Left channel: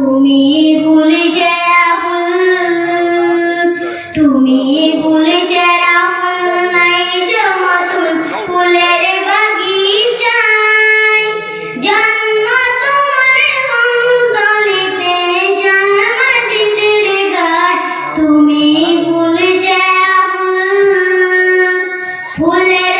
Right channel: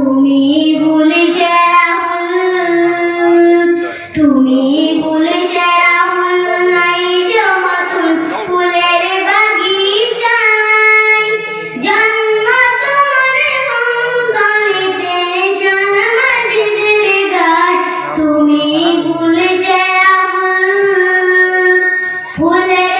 তুমি ভুলে যে তুমি ভুলে যে নাই সমতুল ফুলের বাগিচায়। জন্ম তোমার জন্ম তুমি ভুলে যে ফুলের